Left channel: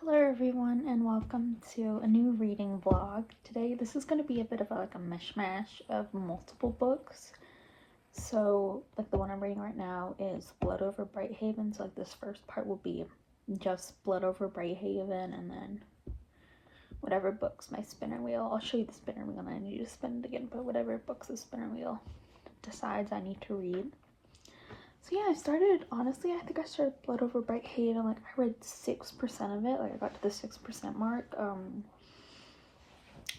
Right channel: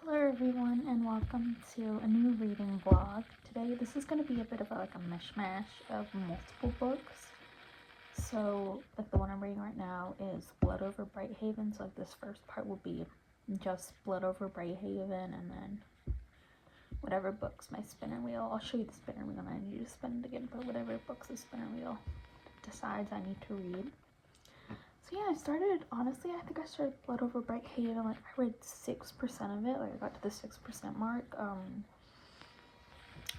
Hello everyone and welcome to a new reading vlog. Today this is going to be a bit of a mishmash of multiple books. So like the one I'm reading right now is Blood Over Brighthaven. So like this first part will be just Blood Over Brighthaven, and then whatever books my spinner wheel, I'll show you the spinner wheel and I need to spin it again, but whatever books the spinner wheel decides I need to read. So yeah, honestly, I think I started Blood Over Brighthaven, like I read 6% of it, like I got to the 6% mark,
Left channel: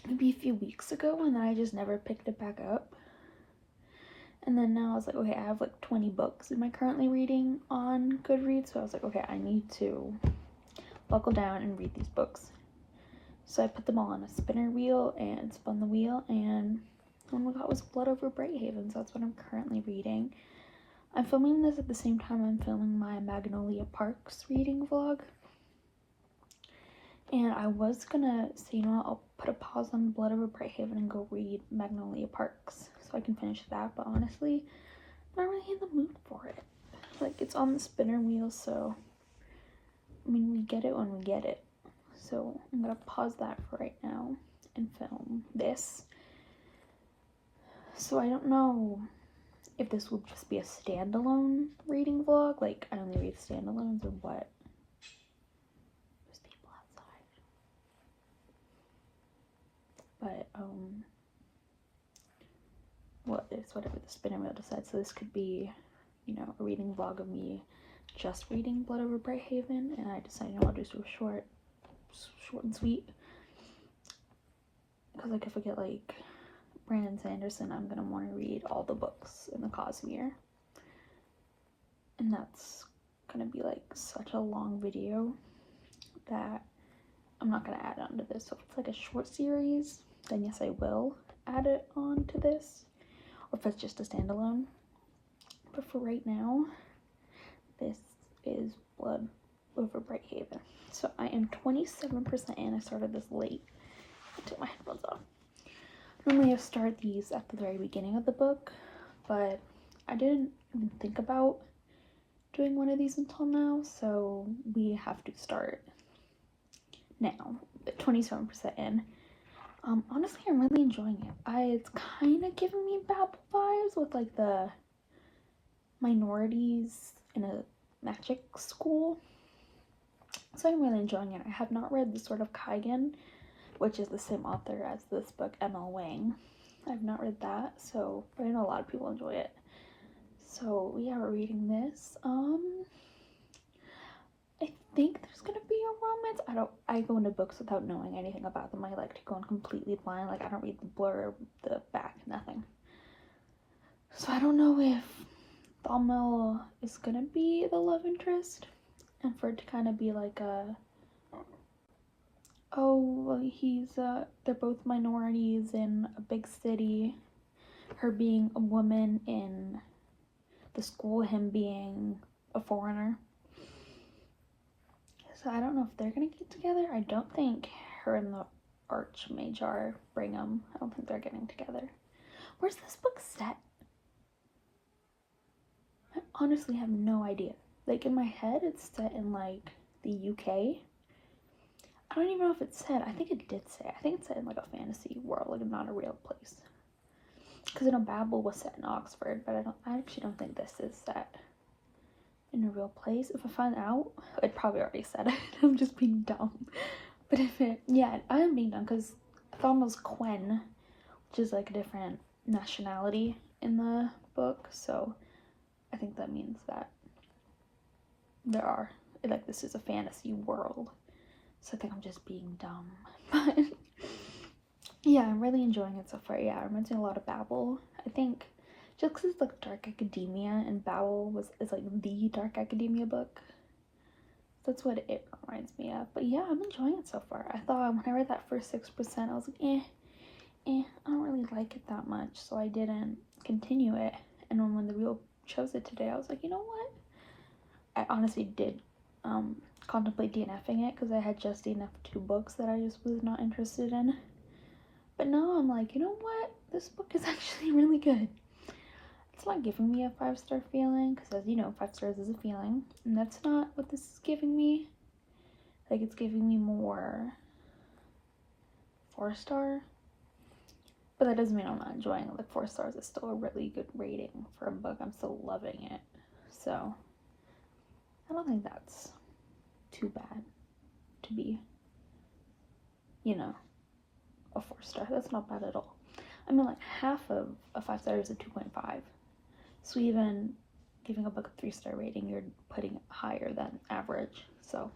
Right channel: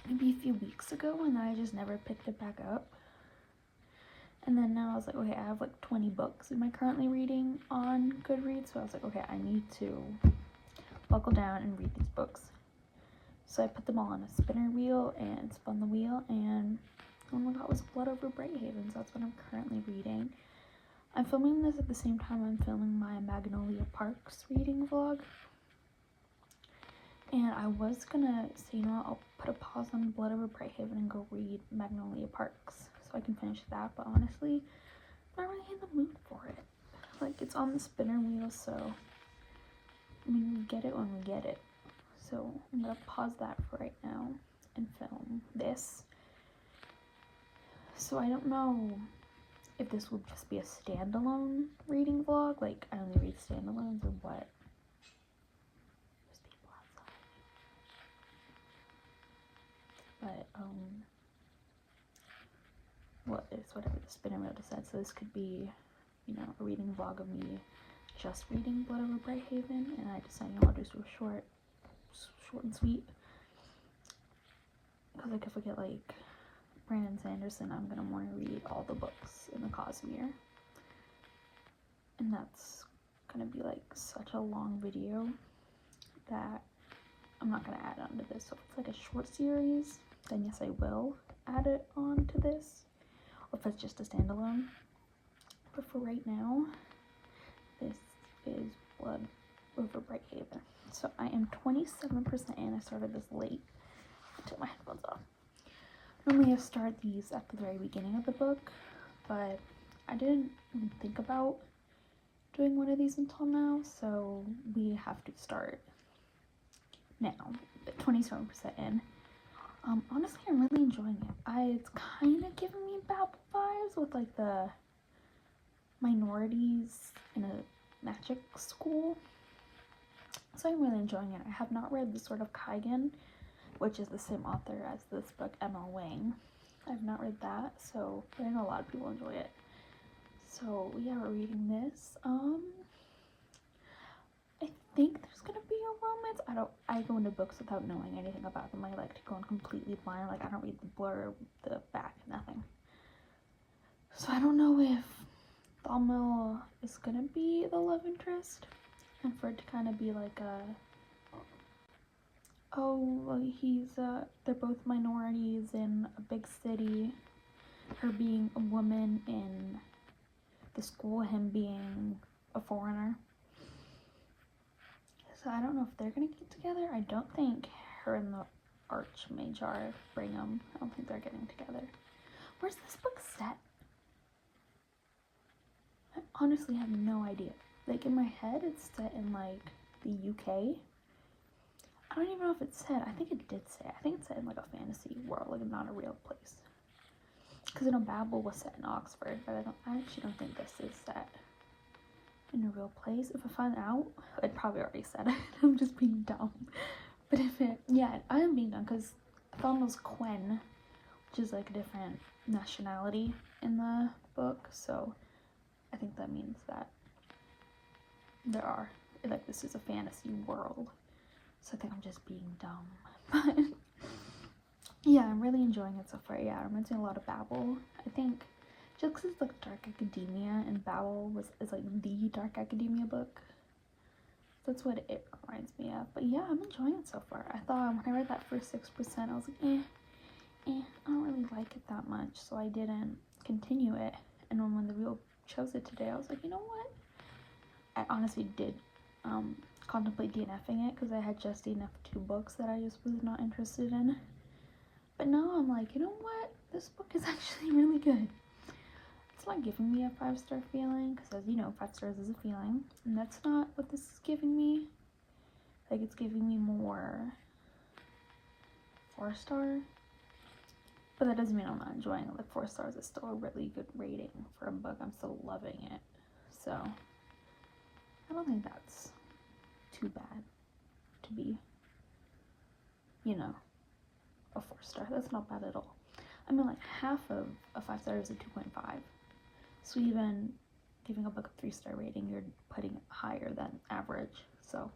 maybe a few weeks ago, and then I just never picked it back up. And then now I was like, okay, I have like 20 books am I currently reading on Goodreads, so I was like, okay, I need to buckle down and read these books. So I put them all on a spinner wheel and spun the wheel, and the one we got was Blood Over Brighthaven, so that's what I'm currently reading. I'm filming this at the same time I'm filming my Magnolia Parks reading vlog. And I was gonna say, you know what, I'll put a pause on Blood Over Brighthaven and go read Magnolia Parks so I can finish that, but honestly, I'm not really in the mood for it. Like, it's on the spinner wheel, so, I mean, we get it when we get it. So, I'm gonna pause that for right now and film this. So, I don't know if this would just be a standalone reading vlog, like I only read standalones, or what. There's people outside. But what is whatever the spinner wheel decides. So this could be, you know, a reading vlog of me just reading Blood Over Brighthaven, and I decided, you know, I'll just do a short and sweet. Because like if I get like Brandon Sanderson, I'm gonna want to read all the books in the Cosmere, and that's gonna be like such a long video that I'm not gonna add on to this. So if it's like a short series, then yes, I will add it on to this, or if it's just a standalone. But for right now, this is Blood Over Brighthaven. So I am 27% in. I started this late. I took my headphones off. Normally I start these at the very beginning of the book, but I didn't even think about doing one of these until now, so we have to start now. 27% in. Honestly, I'm really enjoying it. It's kind of giving me Babel vibes with like the minorities in a magic school. So I'm really enjoying it. I have not read The Sword of Kaigen, which is the same author as this book, M.L. Wang. I've not read that, so but I know a lot of people enjoy it. So yeah, we're reading this. I think there's gonna be a romance. I go into books without knowing anything about them. I like to go in completely blind. Like I don't read the blurb, the back, nothing. So I don't know if Thalmel is gonna be the love interest, and for it to kind of be like a, oh, well, they're both minorities in a big city, her being a woman in the school, him being a foreigner. So I don't know if they're gonna get together. I don't think her and the Archmage Brigham, I don't think they're getting together. Where's this book set? I honestly have no idea. Like in my head it's set in like the UK. I don't even know if it said. I think it did say. I think it's set in like a fantasy world, like not a real place. Because I know Babel was set in Oxford, but I actually don't think this is set in a real place. If I find out, it probably already said it. I'm just being dumb. But if it, yeah, I am being dumb because Thalmel's Quen, which is like a different nationality in the book, so I think that means that this is a fantasy world. So I think I'm just being dumb. But yeah, I'm really enjoying it so far. Yeah, it reminds me a lot of Babel. I think just because it's like dark academia, and Babel is like the dark academia book. That's what it reminds me of. But yeah, I'm enjoying it so far. I thought when I read that first 6%, I was like, I don't really like it that much, so I didn't continue it. And when the wheel chose it today, I was like, you know what? I honestly did contemplate DNFing it because I had just DNF'd 2 books that I just was not interested in. But now I'm like, you know what? This book is actually really good. It's not giving me a 5-star feeling because, as you know, 5 stars is a feeling, and that's not what this is giving me. Like, it's giving me more 4-star. But that doesn't mean I'm not enjoying it. Like, 4 stars is still a really good rating for a book. I'm still loving it. So, I don't think that's too bad to be, you know, a 4-star. That's not bad at all. I mean, like, half of a 5-star is a 2.5. So even giving a book a 3-star rating, you're putting it higher than average. So,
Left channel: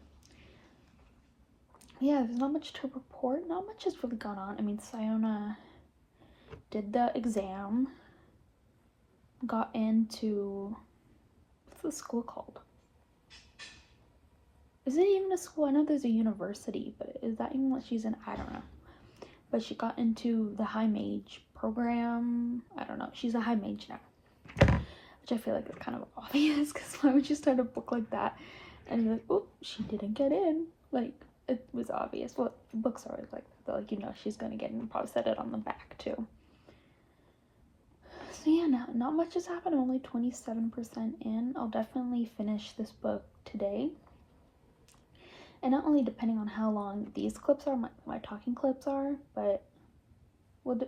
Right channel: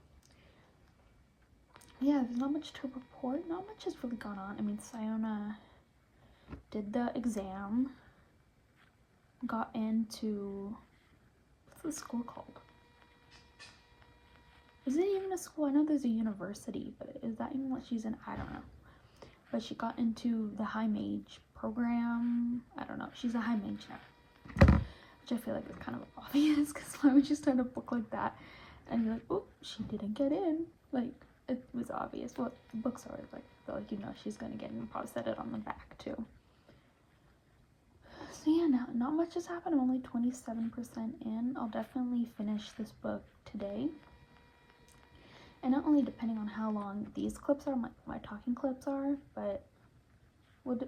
yeah, there's not much to report. Not much has really gone on. I mean, Siona did the exam, got into, what's the school called? Is it even a school? I know there's a university, but is that even what she's in? I don't know. But she got into the high mage program. I don't know. She's a high mage now, which I feel like is kind of obvious, because why would you start a book like that and be like, oh, she didn't get in? Like, it was obvious. Well, books are always like that, though. Like, you know she's gonna get in. Probably said it on the back too. So yeah, not much has happened. I'm only 27% in. I'll definitely finish this book today. And not only depending on how long these clips are, my talking clips are, but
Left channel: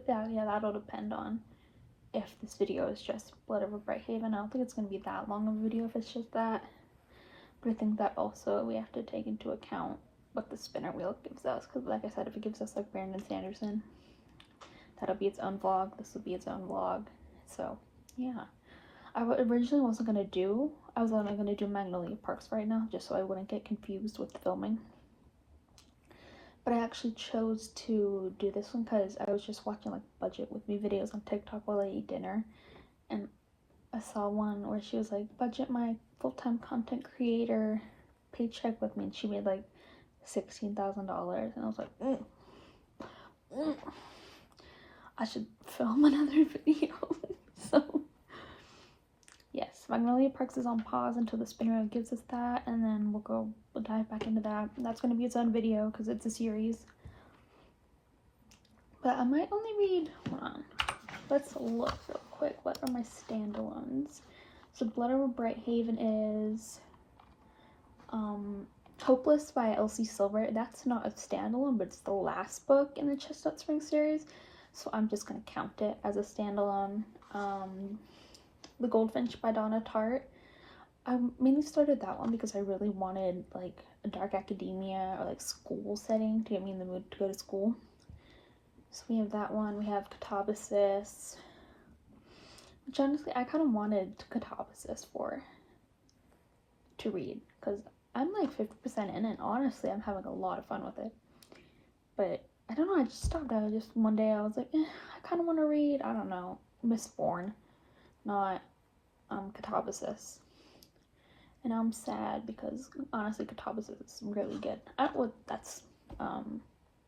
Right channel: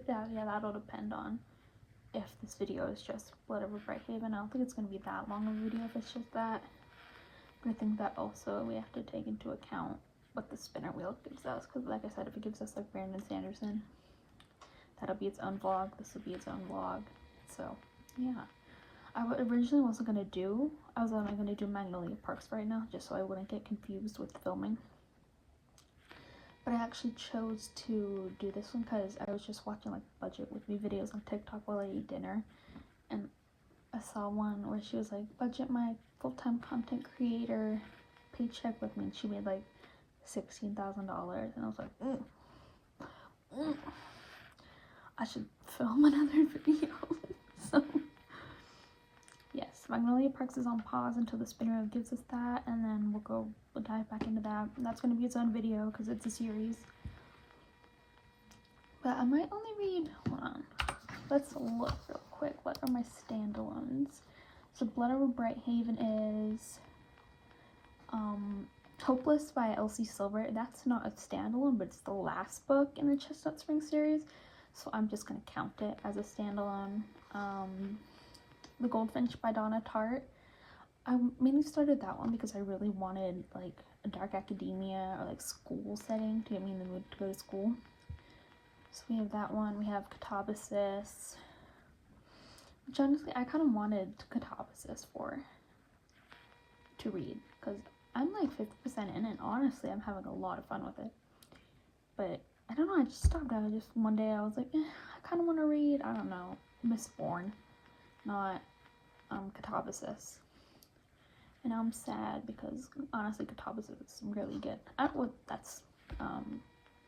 that'll depend on if this video is just Blood Over Brighthaven. I don't think it's going to be that long of a video if it's just that. But I think that also we have to take into account what the spinner wheel gives us. Because like I said, if it gives us like Brandon Sanderson, that'll be its own vlog. This will be its own vlog. So, yeah. I originally wasn't going to do, I was only going to do Magnolia Parks right now, just so I wouldn't get confused with filming. But I actually chose to do this one because I was just watching like budget with me videos on TikTok while I ate dinner. And I saw one where she was like, budget my full-time content creator paycheck with me. And she made like $16,000. And I was like, I should film another video. So, yes, Magnolia Parks is on pause until the spinner wheel gives us that, and then we'll dive back into that. That's going to be its own video because it's a series. But I might only read, hold on, let's look real quick. What are my standalones? So Blood Over Brighthaven is Hopeless by Elsie Silver. That's not a standalone, but it's the last book in the Chestnut Spring series, so I'm just going to count it as a standalone. The Goldfinch by Donna Tartt. I mainly started that one because I really wanted like a dark academia or like school setting to get me in the mood to go to school. So we have that one. We have Katabasis, which honestly I kind of wanted Katabasis to read because I'm like 50% in it. Honestly, I'm having a lot of fun with it. But I don't know, I just stopped. I was just one day I was like, I kind of want to read, I don't know, Mistborn, not Katabasis. And I'm sad because honestly Katabasis is really good. That's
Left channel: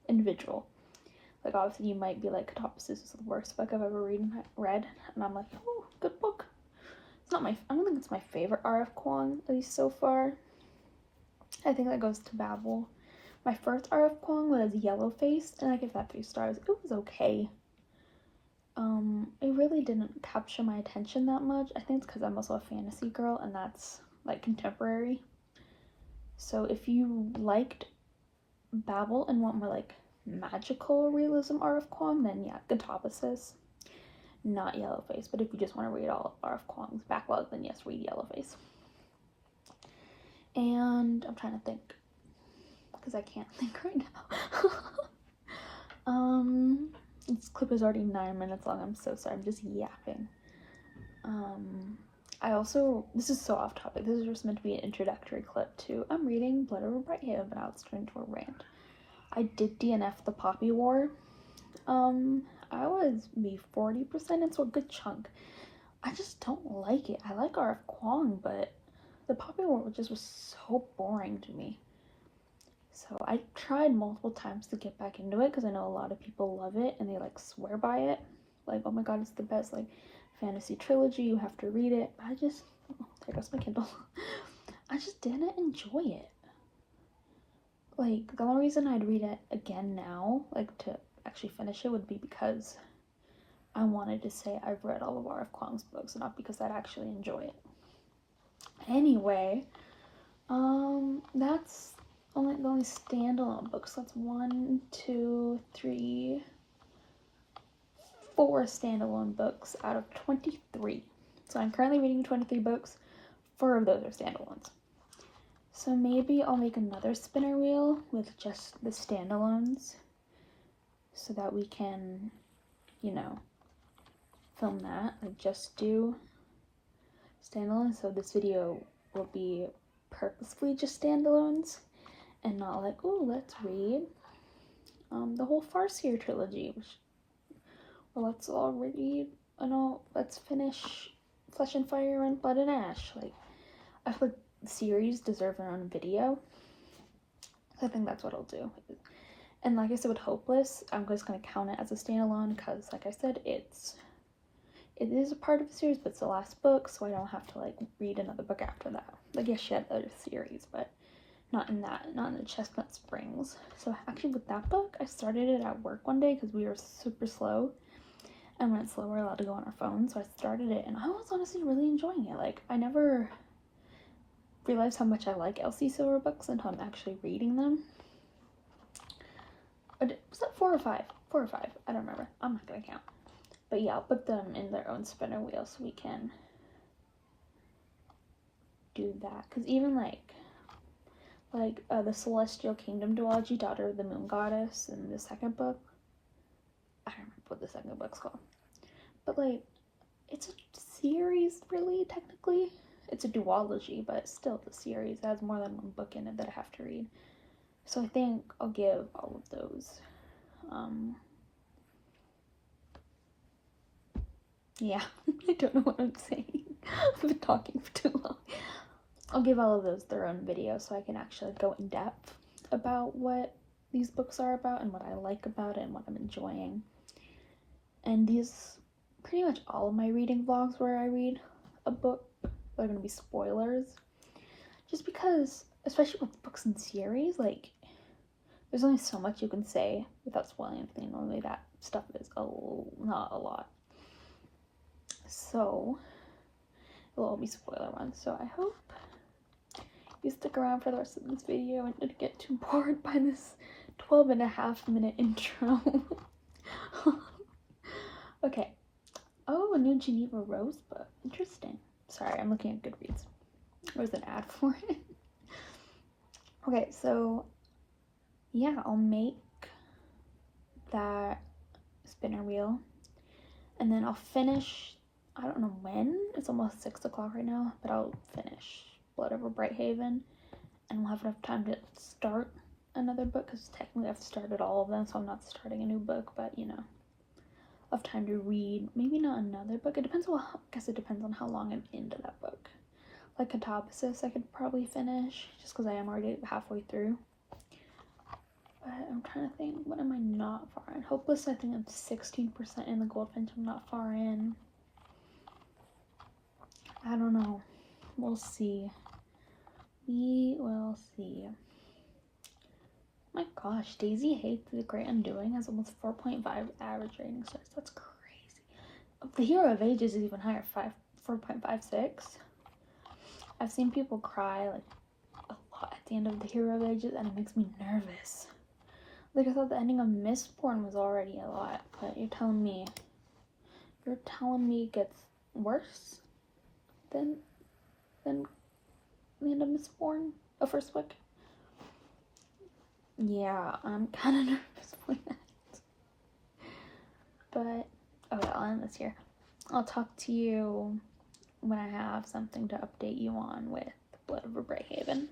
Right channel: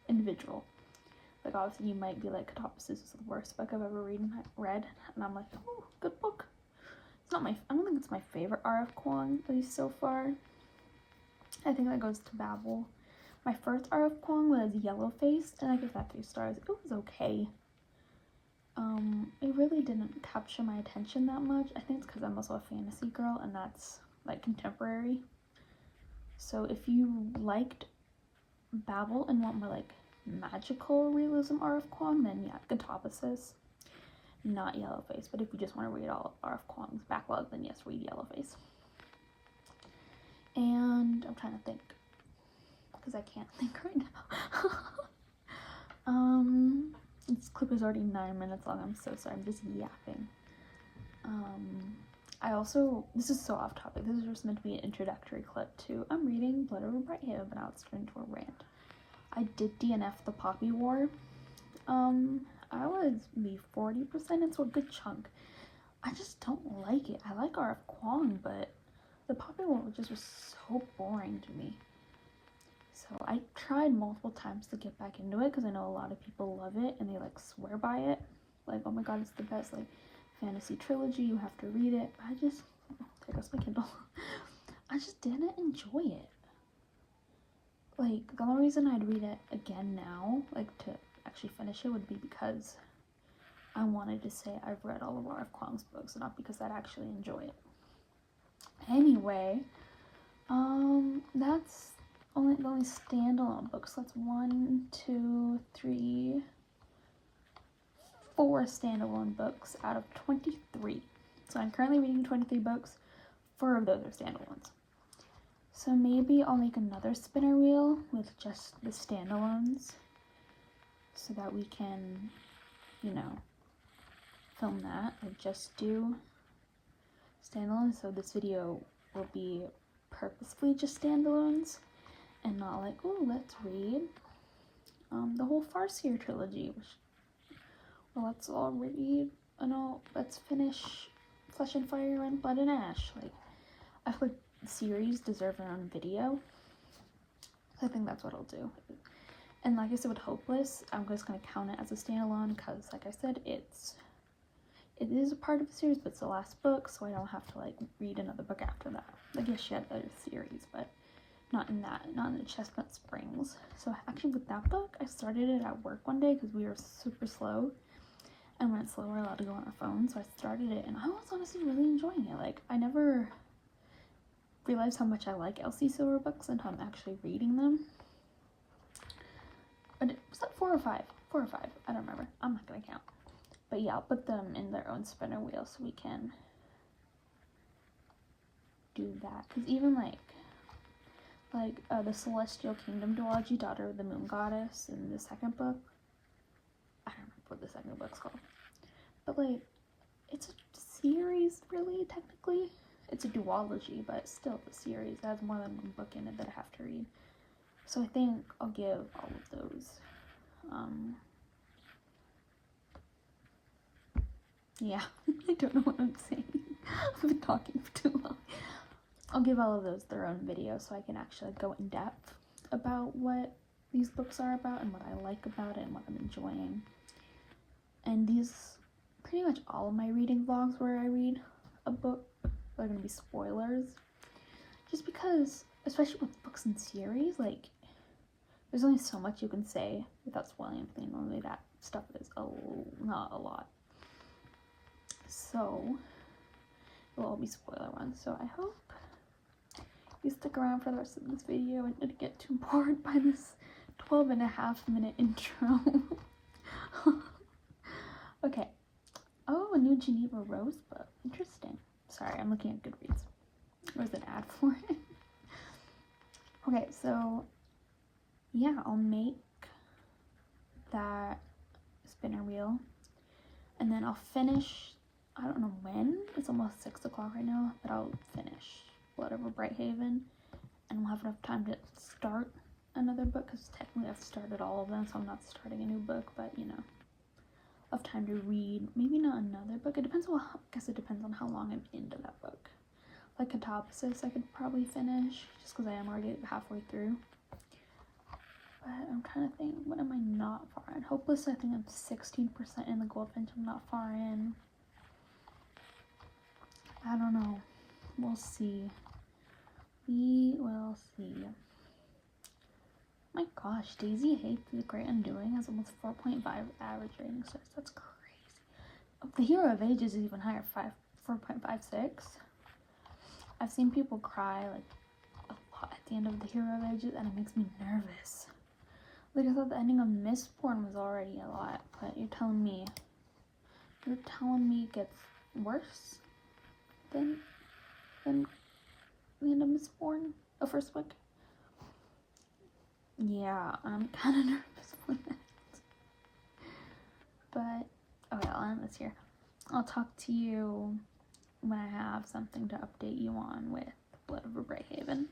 individual. Like obviously you might be like, Katabasis is the worst book I've ever read, and I'm like, oh, good book. It's not I don't think it's my favorite R.F. Kuang, at least so far. I think that goes to Babel. My first R.F. Kuang was Yellowface, and I give that 3 stars. It was okay. It really didn't capture my attention that much. I think it's because I'm also a fantasy girl, and that's like contemporary. So if you liked Babel and want more like magical realism R.F. Kuang, then yeah, Katabasis, not Yellowface. But if you just want to read all R.F. Kuang's backlog, then yes, read Yellowface. And I'm trying to think because I can't think right now. This clip is already 9 minutes long. I'm so sorry. I'm just yapping. This is so off topic. This is just meant to be an introductory clip to, I'm reading Blood Over Brighthaven, but now it's turned into a rant. I did DNF the Poppy War. I was maybe 40% into a good chunk. I just don't like it. I like R.F. Kuang, but the Poppy War just was so boring to me. So I tried multiple times to get back into it because I know a lot of people love it and they like swear by it. Like, oh my god, it's the best like fantasy trilogy, you have to read it. But there goes my Kindle. I just didn't enjoy it. Like, the only reason I'd read it again now, like to actually finish it, would be because I wanted to say I've read all of R.F. Kuang's books, not because I'd actually enjoy it. Anyway, that's the only standalone books. That's 1, 2, 3, 4 standalone books out of 23. So I'm currently reading 23 books. 4 of those are standalones. So maybe I'll make another spinner wheel with just the standalones so that we can, you know, film that. Like just do standalones. So this video will be purposefully just standalones and not like, oh, let's read the whole Farseer trilogy. Well, let's all read, let's finish Flesh and Fire and Blood and Ash. Like, I feel like the series deserve their own video. I think that's what I'll do. And like I said with Hopeless, I'm just going to count it as a standalone because, like I said, it is a part of the series, but it's the last book, so I don't have to, like, read another book after that. Like, yes, she had other series, but not in the Chestnut Springs. So actually with that book, I started it at work one day because we were super slow. And when it's slow, we're allowed to go on our phone. So I started it, and I was honestly really enjoying it. Like, I never realized how much I like Elsie Silver books until I'm actually reading them. But was that 4 or 5? 4 or 5. I don't remember. I'm not going to count. But yeah, I'll put them in their own spinner wheel so we can do that. Because even like the Celestial Kingdom duology, Daughter of the Moon Goddess, in the second book. I don't remember what the second book's called. But like, it's a series, really, technically. It's a duology, but still it's a series. It has more than one book in it that I have to read. So I think I'll give all of those. Yeah, I don't know what I'm saying. I've been talking for too long. I'll give all of those their own video so I can actually go in depth about what these books are about and what I like about it and what I'm enjoying. And these, pretty much all of my reading vlogs where I read a book are going to be spoilers. Just because, especially with books and series, like, there's only so much you can say without spoiling anything. Normally that stuff is not a lot. So, it will all be spoiler ones. So I hope you stick around for the rest of this video and don't get too bored by this 12.5-minute intro. Okay. Oh, a new Geneva Rose book. Interesting. Sorry, I'm looking at Goodreads. There's an ad for it. Okay, so yeah, I'll make that spinner wheel and then I'll finish, I don't know when, it's almost 6 o'clock right now, but I'll finish Blood Over Brighthaven and we'll have enough time to start another book because technically I've started all of them, so I'm not starting a new book, but you know, I'll have time to read maybe not another book. It depends on, I guess it depends on how long I'm into that book. Like Katabasis I could probably finish just because I am already halfway through. But I'm trying to think, what am I not far in? Hopeless, I think I'm 16% in. The Goldfinch, I'm not far in. I don't know. We'll see. We will see. My gosh, Daisy Hates The Great Undoing has almost 4.5 average rating stars. That's crazy. The Hero of Ages is even higher, 4.56. I've seen people cry like a lot at the end of The Hero of Ages, and it makes me nervous. Like, I thought the ending of Mistborn was already a lot, but you're telling me it gets worse than the end of Mistborn, the first book? Yeah, I'm kind of nervous for that. But, okay, I'll end this here. I'll talk to you when I have something to update you on with Blood Over Brighthaven.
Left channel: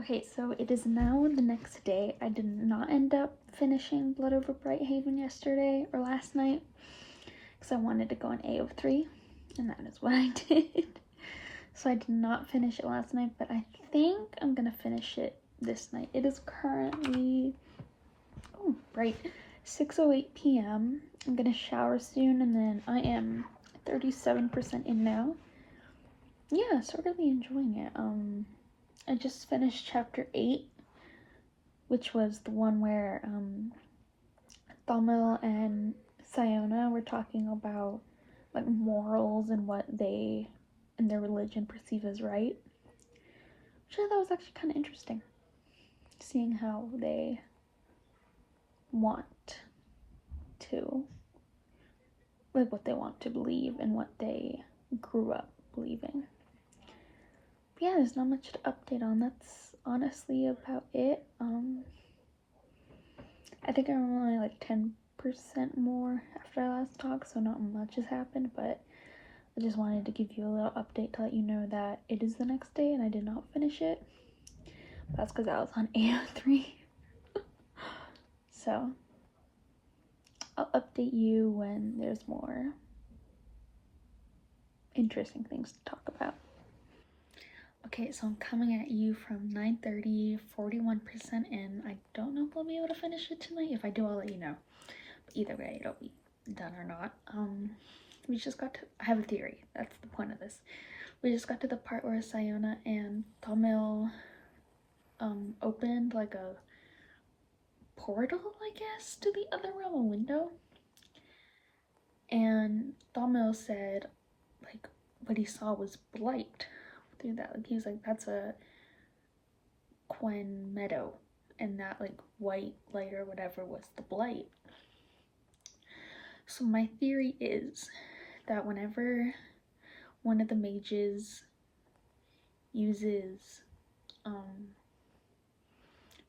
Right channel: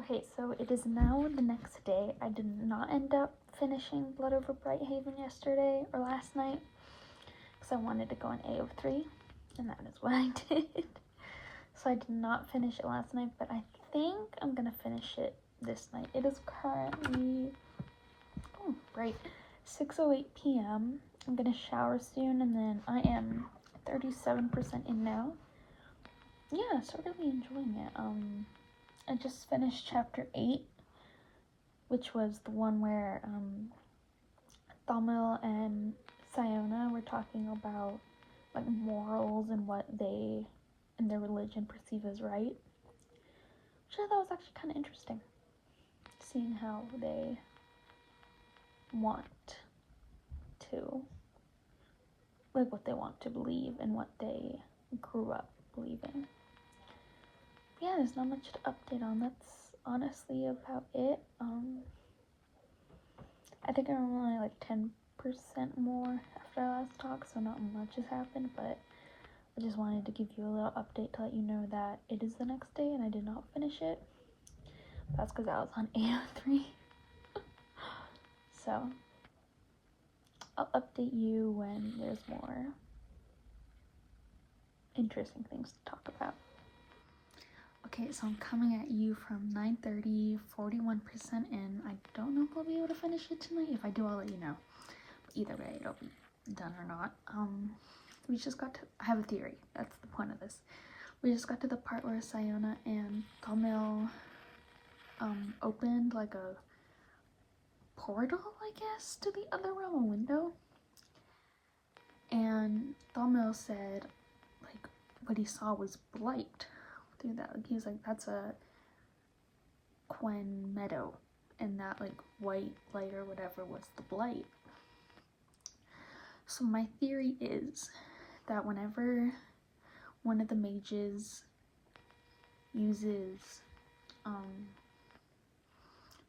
Okay, so it is now the next day. I did not end up finishing Blood Over Brighthaven yesterday or last night because I wanted to go on AO3, and that is what I did. So I did not finish it last night, but I think I'm gonna finish it this night. It is currently 6:08 p.m. I'm gonna shower soon, and then I am 37% in now. Yeah, so really enjoying it. I just finished chapter 8, which was the one where Thamil and Sayona were talking about like morals and what they and their religion perceive as right, which I thought was actually kind of interesting, seeing how they want to, like what they want to believe and what they grew up believing. But yeah, there's not much to update on. That's honestly about it. I think I'm only like 10% more after our last talk, so not much has happened, but I just wanted to give you a little update to let you know that it is the next day and I did not finish it. That's because I was on AO3. So I'll update you when there's more interesting things to talk about. Okay, so I'm coming at you from 9:30, 41% in. I don't know if I'll be able to finish it tonight. If I do, I'll let you know. But either way, it'll be done or not. We just got to, I have a theory. That's the point of this. We just got to the part where Sayona and Thamil opened like a portal, I guess, to the other realm, a window. And Thamil said, like, what he saw was blight through that. Like, he was like, that's a Quen meadow, and that like white light or whatever was the blight. So my theory is that whenever one of the mages uses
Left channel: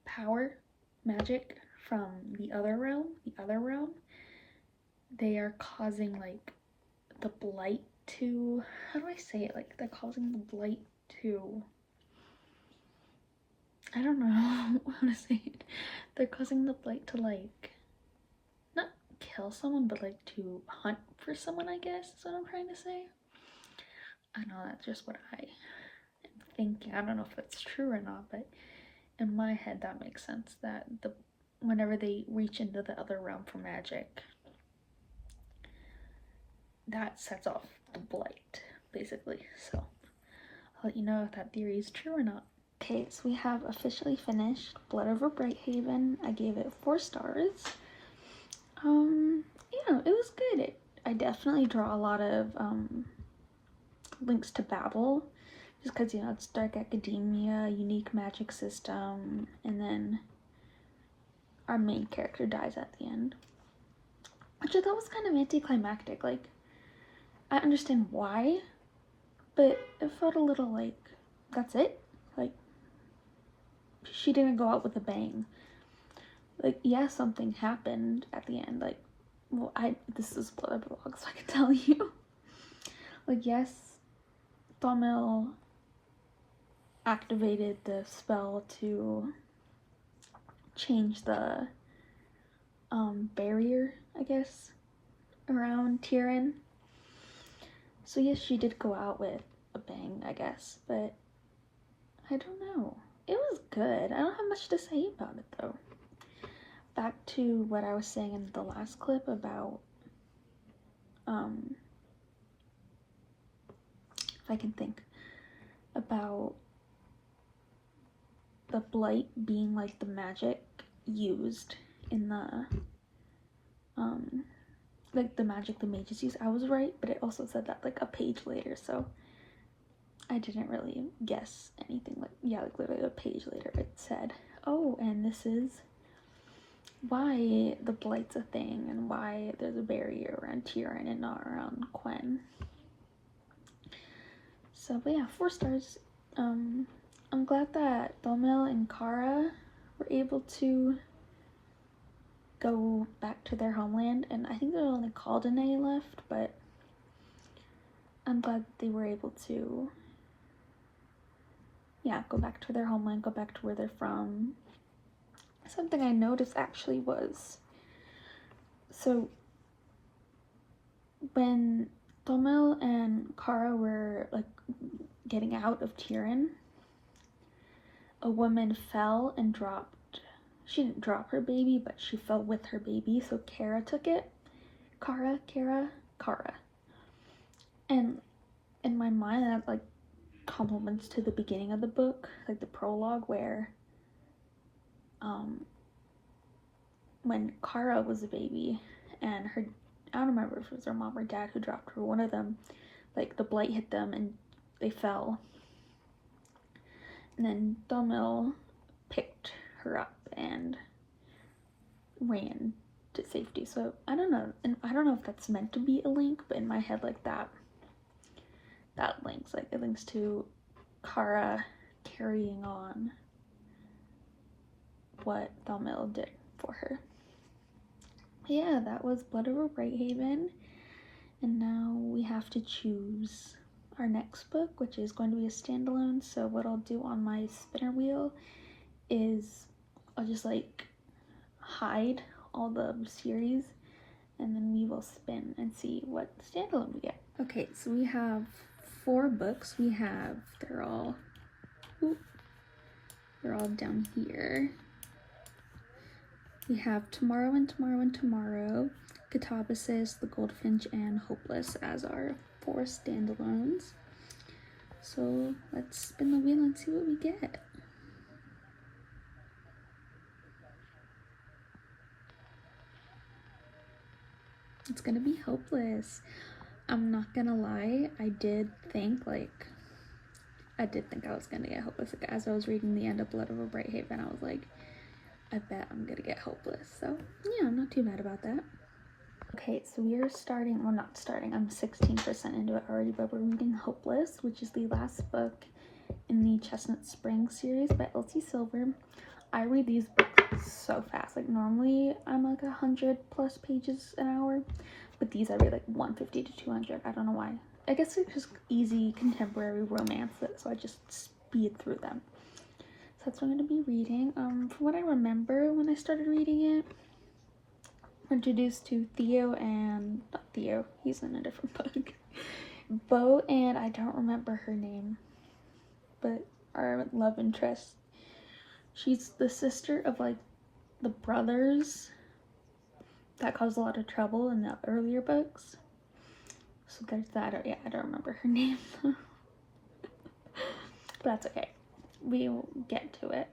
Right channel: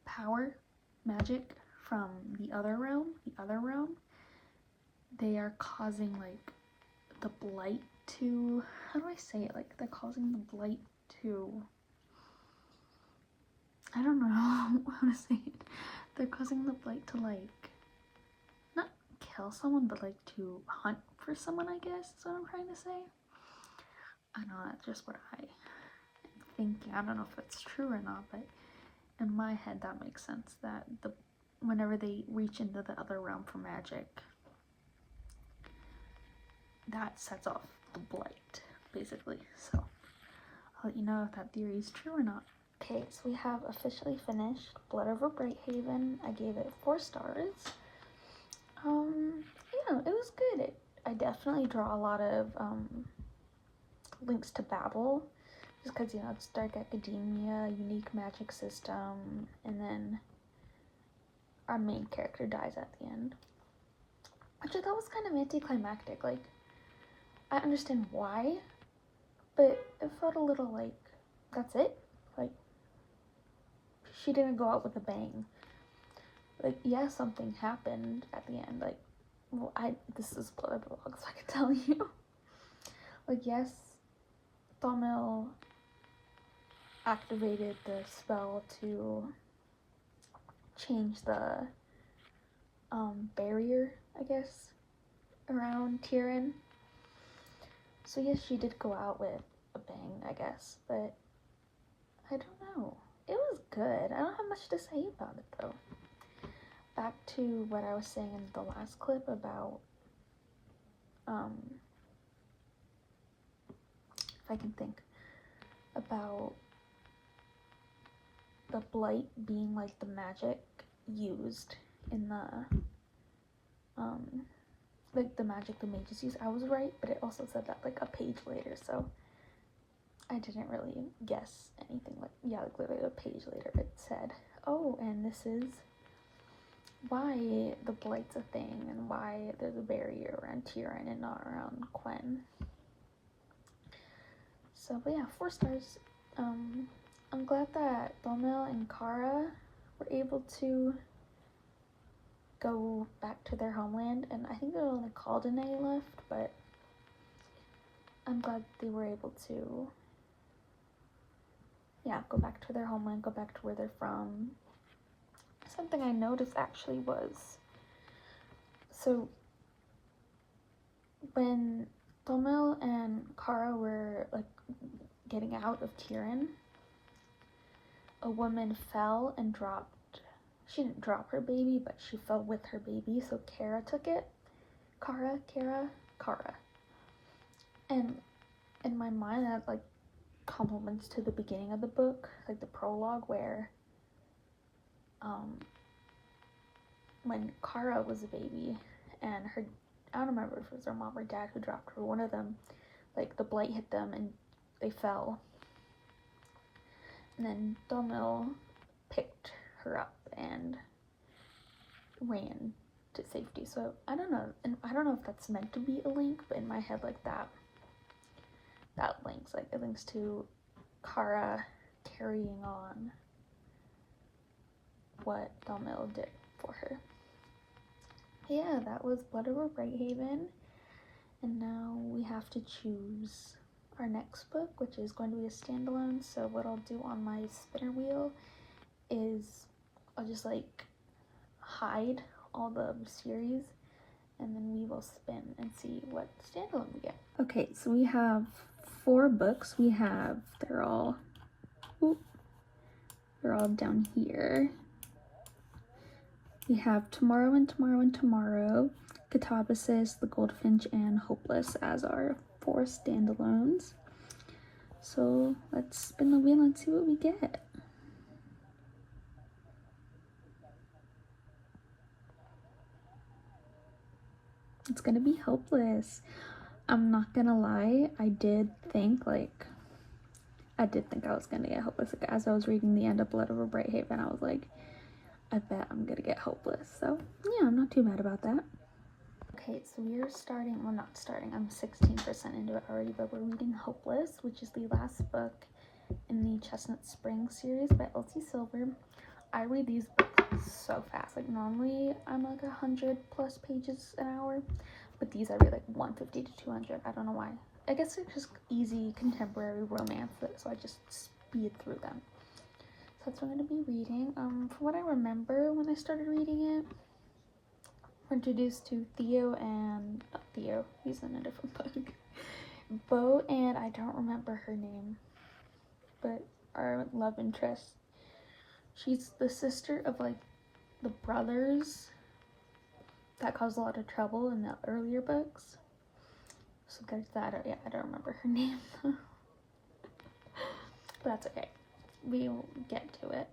power, magic from the other realm, they are causing like the blight to, how do I say it? Like they're causing the blight to, I don't know how to say it. They're causing the blight to like, not kill someone, but like to hunt for someone, I guess is what I'm trying to say. I know that's just what I am thinking. I don't know if it's true or not, but in my head that makes sense, that whenever they reach into the other realm for magic, that sets off the blight, basically. So I'll let you know if that theory is true or not. Okay, so we have officially finished Blood Over Brighthaven. I gave it 4 stars. Yeah, it was good. I definitely draw a lot of links to Babel, just because, you know, it's dark academia, unique magic system, and then our main character dies at the end, which I thought was kind of anticlimactic. Like, I understand why, but it felt a little like, that's it? Like, she didn't go out with a bang. Like, yeah, something happened at the end. Like, well, this is Blood Over Vlog, so I can tell you. Like, yes, Thamil activated the spell to change the barrier, I guess, around Tyrion. So yes, she did go out with a bang, I guess, but I don't know. It was good. I don't have much to say about it, though. Back to what I was saying in the last clip about, if I can think, about the blight being like the magic used in the, like the magic the mages use. I was right, but it also said that like a page later, so I didn't really guess anything. Like, yeah, like literally a page later it said, oh, and this is why the blight's a thing and why there's a barrier around Tyrion and not around Quen. So, but yeah, 4 stars. I'm glad that Thamil and Kara were able to go back to their homeland, and I think they're only called Danae left, but I'm glad they were able to, yeah, go back to their homeland, go back to where they're from. Something I noticed actually was, so when Thamil and Kara were like getting out of Tyrion, a woman fell and dropped, she didn't drop her baby, but she fell with her baby, so Kara took it. Kara. And in my mind, that like compliments to the beginning of the book, like the prologue, where when Kara was a baby, and her, I don't remember if it was her mom or dad who dropped her, one of them, like the blight hit them and they fell. And then Domil picked her up and ran to safety. So I don't know, and I don't know if that's meant to be a link, but in my head, like that links, like it links to Kara carrying on what Domil did for her. Yeah, that was Blood Over Brighthaven, and now we have to choose our next book, which is going to be a standalone. So what I'll do on my spinner wheel is I'll just like hide all the series, and then we will spin and see what standalone we get. Okay, so we have 4 books. We have, they're all down here. We have Tomorrow and Tomorrow and Tomorrow, Katabasis, The Goldfinch, and Hopeless as our 4 standalones. So let's spin the wheel and see what we get. It's gonna be Hopeless. I'm not gonna lie, I did think I was gonna get Hopeless. Like, as I was reading the end of Blood Over Brighthaven, I was like, I bet I'm gonna get Hopeless. So yeah, I'm not too mad about that. Okay, so we are starting, well, not starting, I'm 16% into it already, but we're reading Hopeless, which is the last book in the Chestnut Spring series by Elsie Silver. I read these books so fast. Like, normally I'm like 100+ pages an hour, but these I read like 150 to 200. I don't know why. I guess it's just easy contemporary romance, so I just speed through them. So that's what I'm going to be reading. From what I remember when I started reading it, we're introduced to Theo and, not Theo, he's in a different book, Bo, and I don't remember her name, but our love interest. She's the sister of like the brothers that caused a lot of trouble in the earlier books. So there's that. Yeah, I don't remember her name. But that's okay. We will get to it.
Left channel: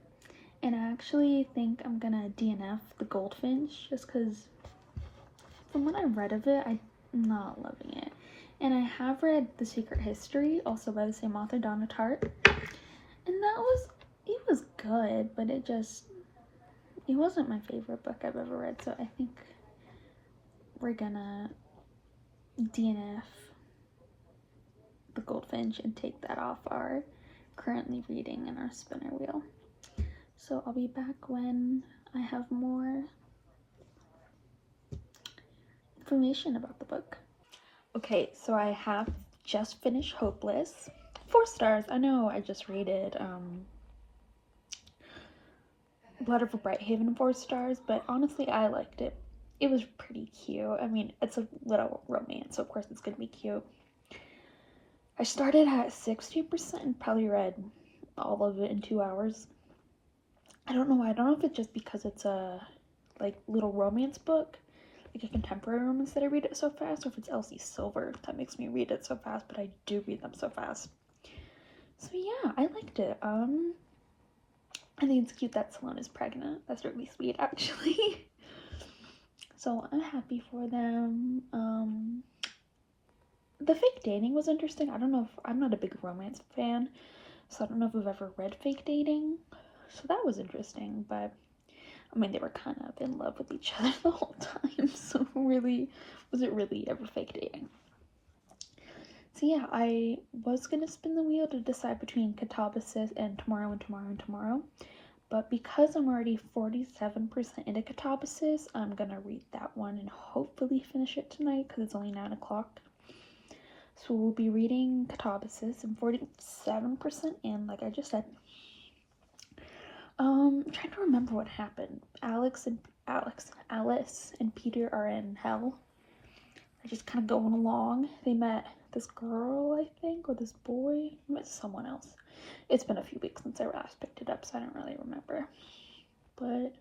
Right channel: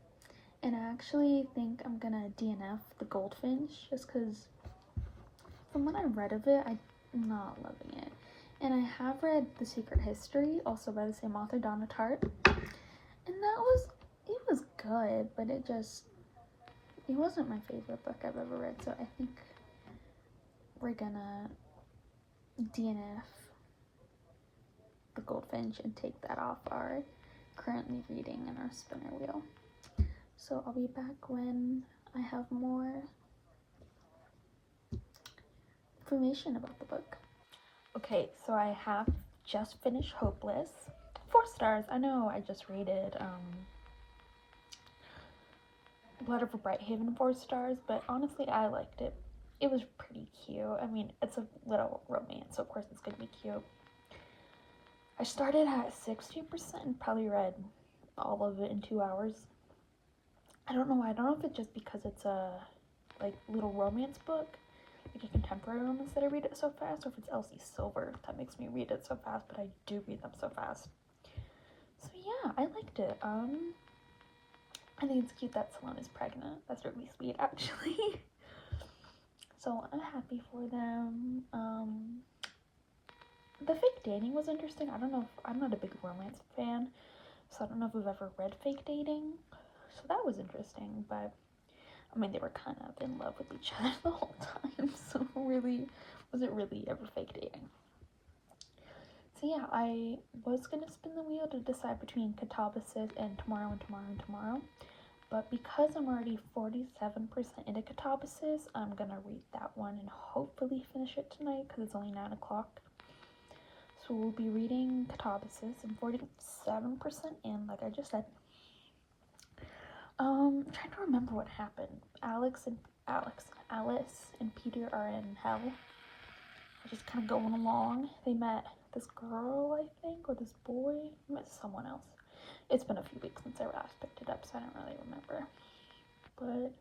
And I actually think I'm gonna DNF The Goldfinch just because from what I've read of it, I'm not loving it. And I have read The Secret History, also by the same author, Donna Tartt. And it was good, but it wasn't my favorite book I've ever read. So I think we're gonna DNF The Goldfinch and take that off our currently reading in our spinner wheel. So I'll be back when I have more information about the book. Okay, so I have just finished Hopeless. 4 stars. I know I just rated Blood Over Brighthaven 4 stars, but honestly I liked it. It was pretty cute. I mean, it's a little romance, so of course it's gonna be cute. I started at 60% and probably read all of it in 2 hours. I don't know why. I don't know if it's just because it's a like little romance book, like a contemporary romance, that I read it so fast, or if it's Elsie Silver that makes me read it so fast, but I do read them so fast. So yeah, I liked it. I think it's cute that Sloane is pregnant. That's really sweet, actually. So I'm happy for them. The fake dating was interesting. I don't know if, I'm not a big romance fan, so I don't know if I've ever read fake dating. So that was interesting, but I mean, they were kind of in love with each other the whole time, so really, was it really ever fake dating? So yeah, I was gonna spin the wheel to decide between Katabasis and Tomorrow and Tomorrow and Tomorrow, but because I'm already 47% into Katabasis, I'm gonna read that one and hopefully finish it tonight because it's only 9 o'clock. So we'll be reading Katabasis. I'm 47% in, like I just said. I'm trying to remember what happened. Alice and Peter are in hell. They're just kind of going along. They met this girl, I think, or this boy. They met someone else. It's been a few weeks since I last picked it up, so I don't really remember. But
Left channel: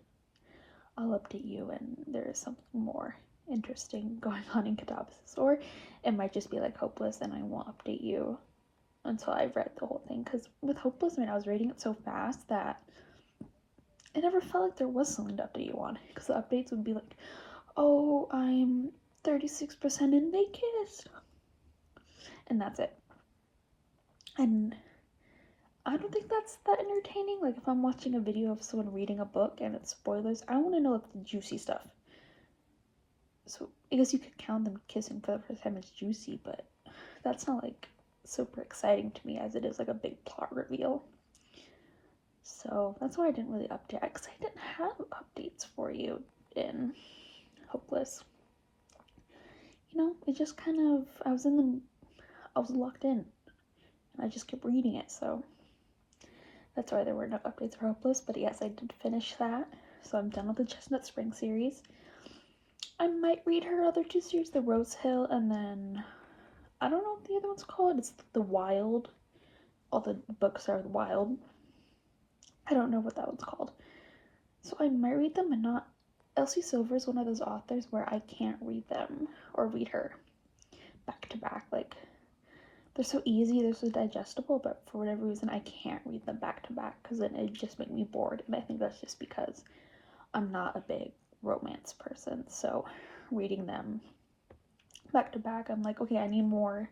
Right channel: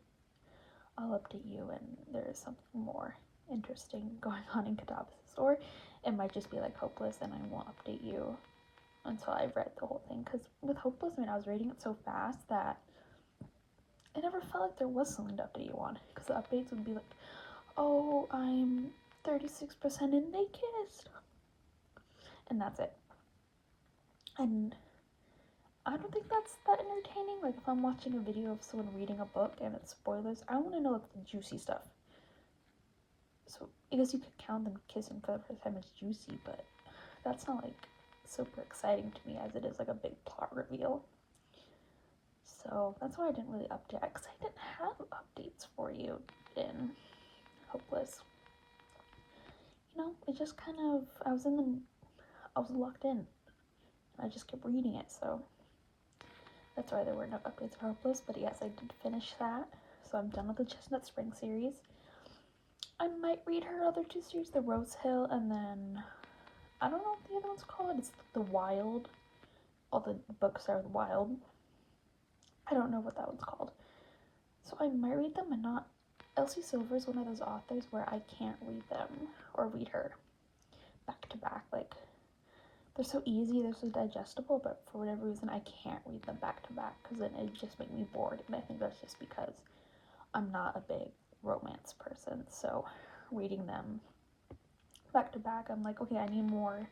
I'll update you when there is something more interesting going on in Katabasis. Or it might just be like Hopeless and I won't update you until I've read the whole thing. Because with Hopeless, I mean, I was reading it so fast that it never felt like there was something to update you on, because the updates would be like, oh, I'm 36% and they kissed, and that's it. And I don't think that's that entertaining. Like, if I'm watching a video of someone reading a book and it's spoilers, I want to know like the juicy stuff. So I guess you could count them kissing for the first time as juicy, but that's not like super exciting to me as it is like a big plot reveal. So that's why I didn't really update, because I didn't have updates for you in Hopeless. You know, it just kind of, I was locked in, and I just kept reading it, so that's why there were no updates for Hopeless. But yes, I did finish that, so I'm done with the Chestnut Spring series. I might read her other two series, the Rose Hill, and then, I don't know what the other one's called, it's the Wild. All the books are the Wild. I don't know what that one's called. So I might read them and not. Elsie Silver is one of those authors where I can't read them or read her back to back. Like, they're so easy, they're so digestible, but for whatever reason I can't read them back to back because then it just make me bored. And I think that's just because I'm not a big romance person. So reading them back to back, I'm like, okay, I need more,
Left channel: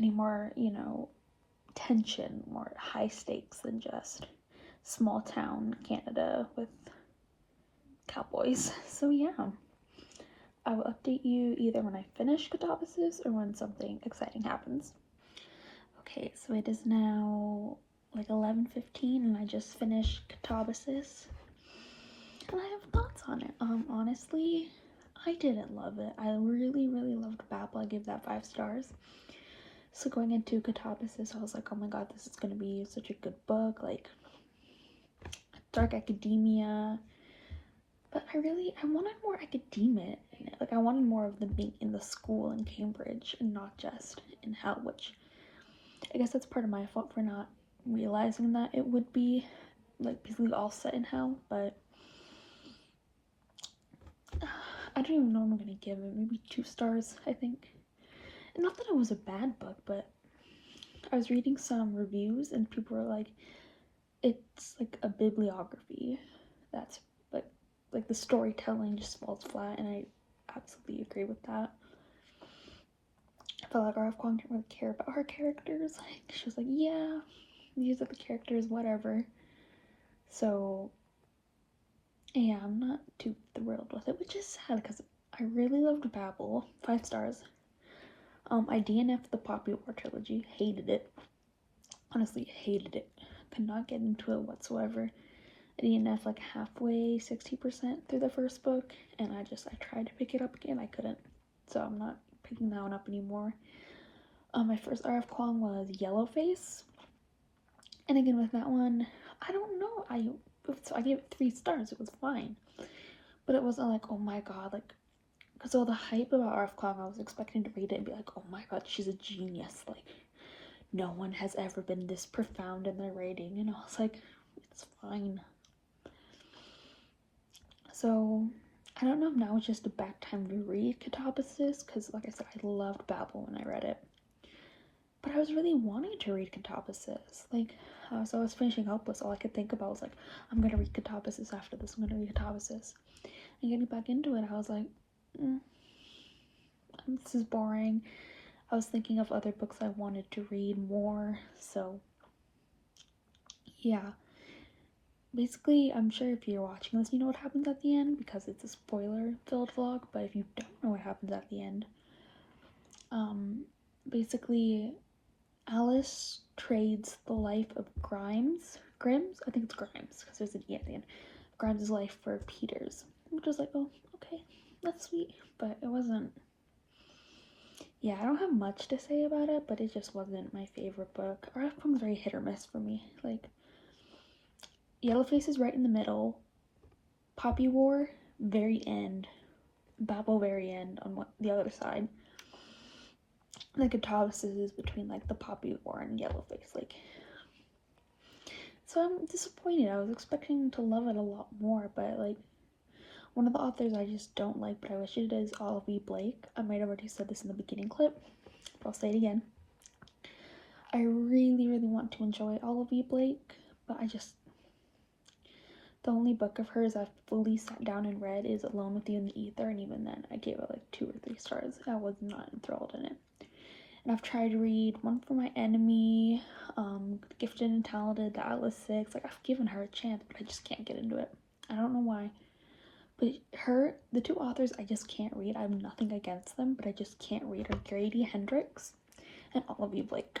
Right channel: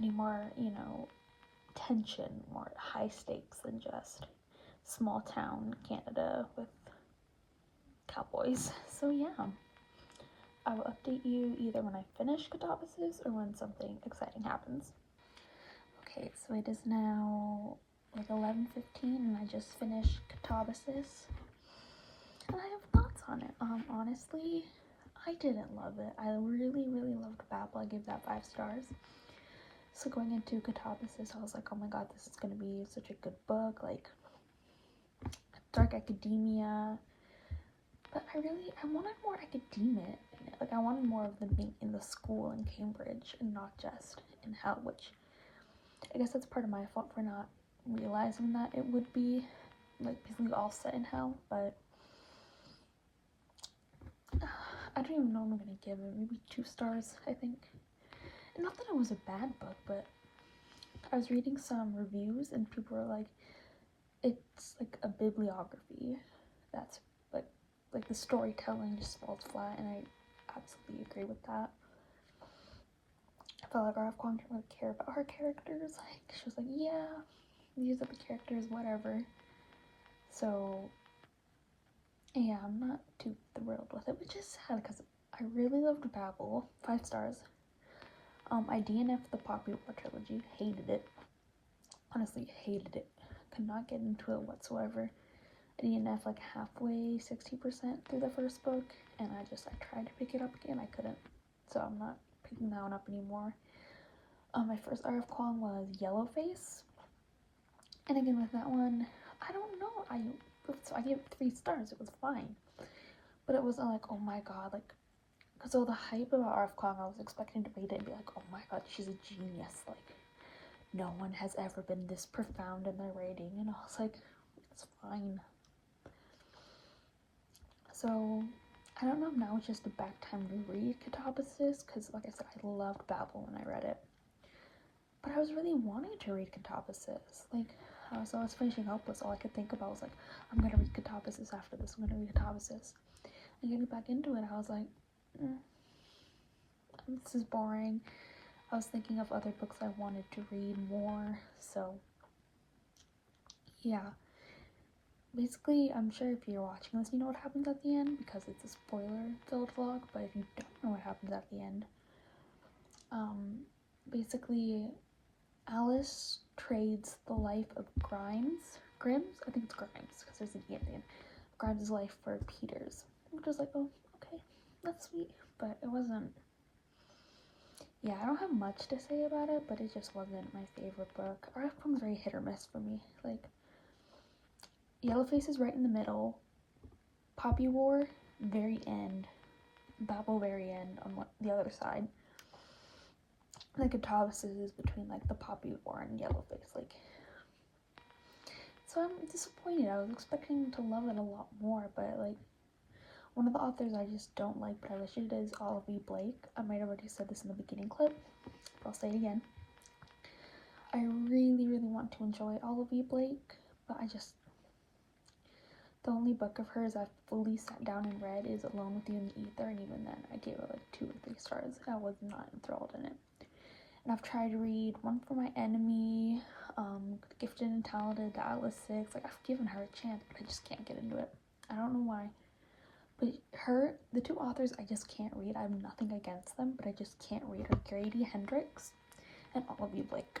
you know, tension, more high stakes than just small town Canada with cowboys. So yeah, I will update you either when I finish Katabasis or when something exciting happens. Okay, so it is now like 11:15 and I just finished Katabasis and I have thoughts on it. Honestly, I didn't love it. I really loved Babel. I gave that 5 stars. So going into Katabasis, I was like, oh my god, this is gonna be such a good book, like dark academia. But I wanted more academia in it. Like, I wanted more of them being in the school in Cambridge and not just in hell, which I guess that's part of my fault for not realizing that it would be, like, basically all set in hell. But I don't even know what I'm gonna give it. Maybe 2 stars, I think. And not that it was a bad book, but I was reading some reviews and people were like, it's like a bibliography. That's like the storytelling just falls flat, and I absolutely agree with that. I felt like R.F. Kuang didn't really care about her characters. Like, she was like, yeah, these are the characters, whatever. So yeah, I'm not too thrilled with it, which is sad because I really loved Babel. 5 stars. I DNF'd the Poppy War trilogy. Hated it. Honestly, hated it. Could not get into it whatsoever. I DNF'd like halfway, 60% through the first book, and I tried to pick it up again. I couldn't. So I'm not picking that one up anymore. My first R.F. Kuang was Yellowface. And again, with that one, I don't know. I gave it 3 stars. It was fine. But it wasn't like, oh my god, like, because all the hype about R.F. Kuang, I was expecting to read it and be like, oh my god, she's a genius. Like, no one has ever been this profound in their writing. And I was like, it's fine. So, I don't know if now it's just a back time reread Katabasis, because like I said, I loved Babel when I read it. But I was really wanting to read Katabasis. Like, as I was finishing Hopeless, all I could think about was like, I'm gonna read Katabasis after this, I'm gonna read Katabasis. And getting back into it, I was like, this is boring. I was thinking of other books I wanted to read more, so yeah. Basically, I'm sure if you're watching this, you know what happens at the end, because it's a spoiler-filled vlog, but if you don't know what happens at the end, basically, Alice trades the life of Grimes, I think it's Grimes, because there's an E at the end, Grimes' life for Peter's, which was like, oh, okay, that's sweet, but it wasn't, yeah, I don't have much to say about it, but it just wasn't my favorite book. R.F. Kuang's very hit or miss for me. Like, Yellowface is right in the middle, Poppy War, very end, Babel, very end on the other side. Like, Katabasis is between, like, the Poppy War and Yellowface, like, so I'm disappointed. I was expecting to love it a lot more, but, like, one of the authors I just don't like, but I wish it is Olive Blake. I might have already said this in the beginning clip, but I'll say it again. I really want to enjoy Olive Blake, but The only book of hers I've fully sat down and read is Alone with You in the Ether, and even then I gave it like 2 or 3 stars. I was not enthralled in it. And I've tried to read One for My Enemy, Gifted and Talented, The Atlas Six. Like, I've given her a chance, but I just can't get into it. I don't know why. But the 2 authors I just can't read. I have nothing against them, but I just can't read her. Grady Hendrix and Olivia Blake.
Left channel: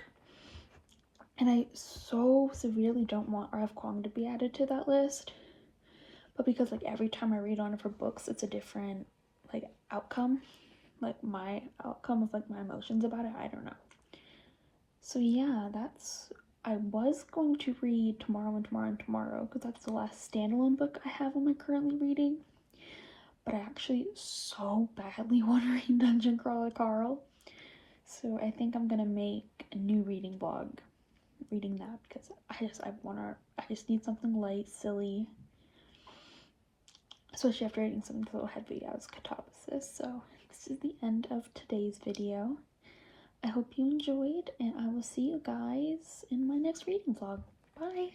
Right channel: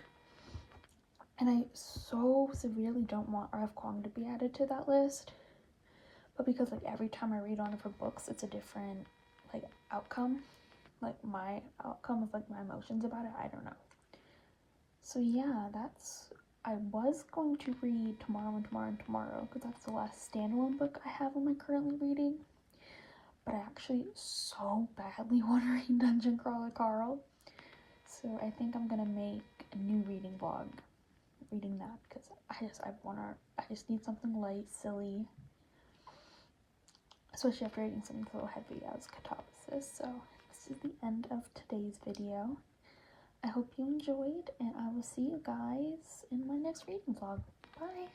And I so severely don't want R.F. Kuang to be added to that list. But because, like, every time I read one of her books, it's a different, like, outcome. Like, my outcome of, like, my emotions about it. I don't know. So, yeah, I was going to read Tomorrow and Tomorrow and Tomorrow, because that's the last standalone book I have on my currently reading. But I actually so badly want to read Dungeon Crawler Carl. So I think I'm going to make a new reading vlog reading that, because I just need something light, silly, especially after reading something so heavy as Katabasis. So this is the end of today's video. I hope you enjoyed, and I will see you guys in my next reading vlog. Bye!